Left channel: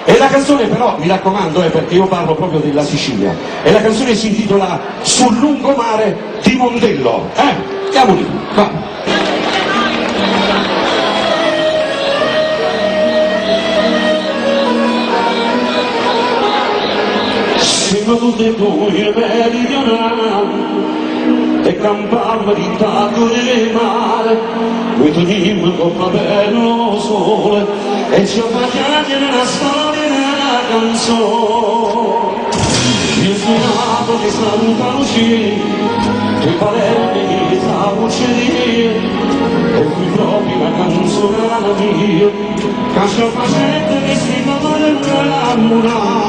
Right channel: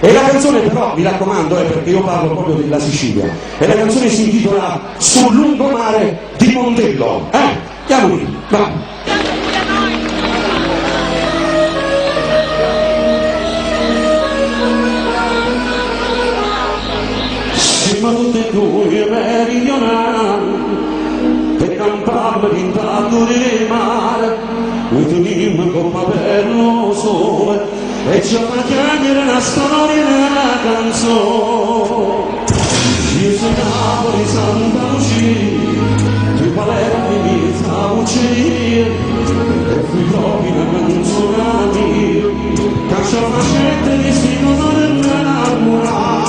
E la canzone però, mi raccomando, perché io parlo proprio della Sicilia, e la canzone si intitola Sul lungomare di Mondello. Andiamo lì, va. Tutte voi meridionali, te campava di tato di mare, dove tu dimmi come bello sole, e ci ho fatto una storia della canzone. Io sono nato di Santa Lucia, tre parenti sta uccidere, e fui proprio la canzone mia, che ci ho fatto che si muore innamorare.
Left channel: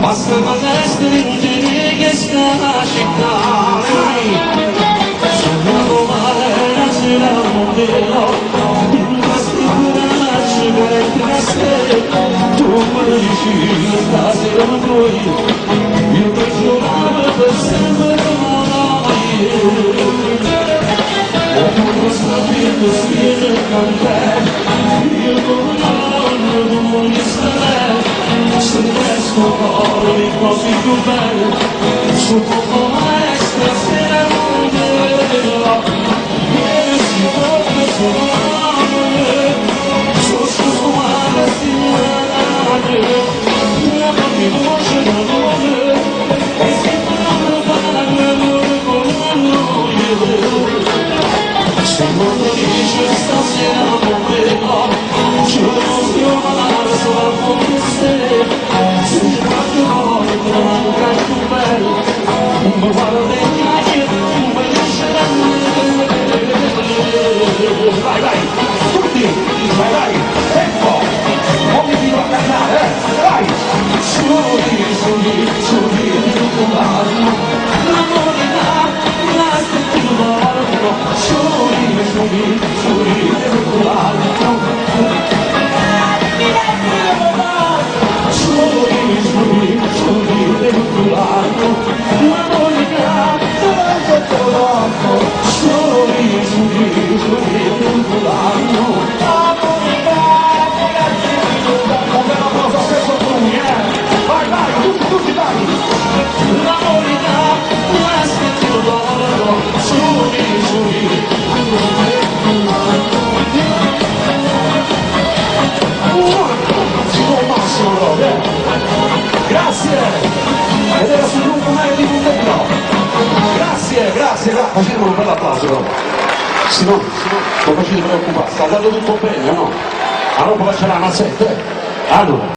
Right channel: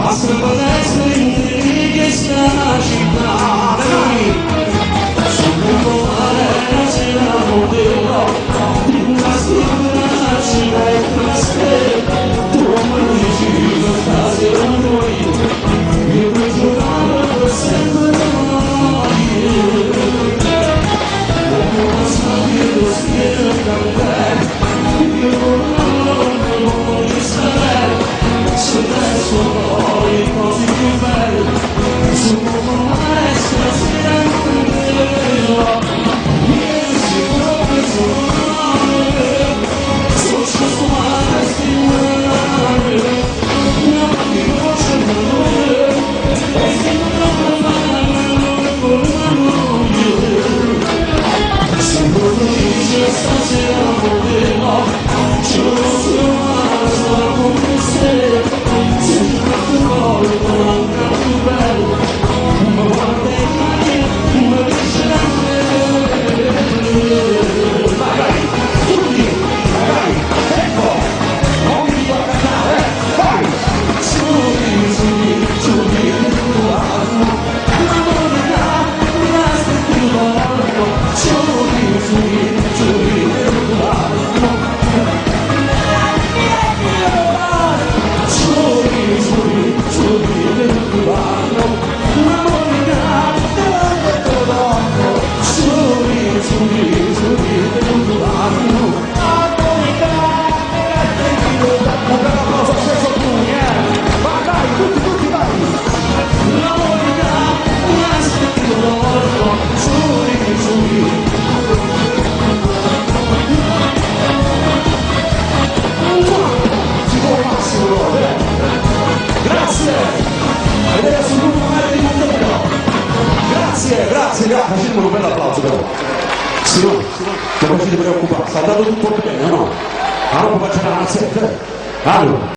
Basta vedere in questa città, sono trovare la sera modello, in questa città per queste, tu mi dici la sera noi, io per giocare per sempre noi, e tu non sapendo spiegare il caffè, io non mi sarei. Se adesso voglio così più bello, su come essere sera con te, e si proprio sono so scioccolata stimolare, io non mi voce da noi, e si proprio se quando dice stasera non vedo, giuro ma sto come se sei fatto voglio ancora più bello, non guardo le chiacchiere, non vuoi lasciare vai vai, tutti, vai vai, ecco, non mi devo camminare, vai, studi, tutto l'anno, non morirà, basta più l'anno, se no, non potete preoccupare, sta andando tutto bene, no? Allora può esperare una sette,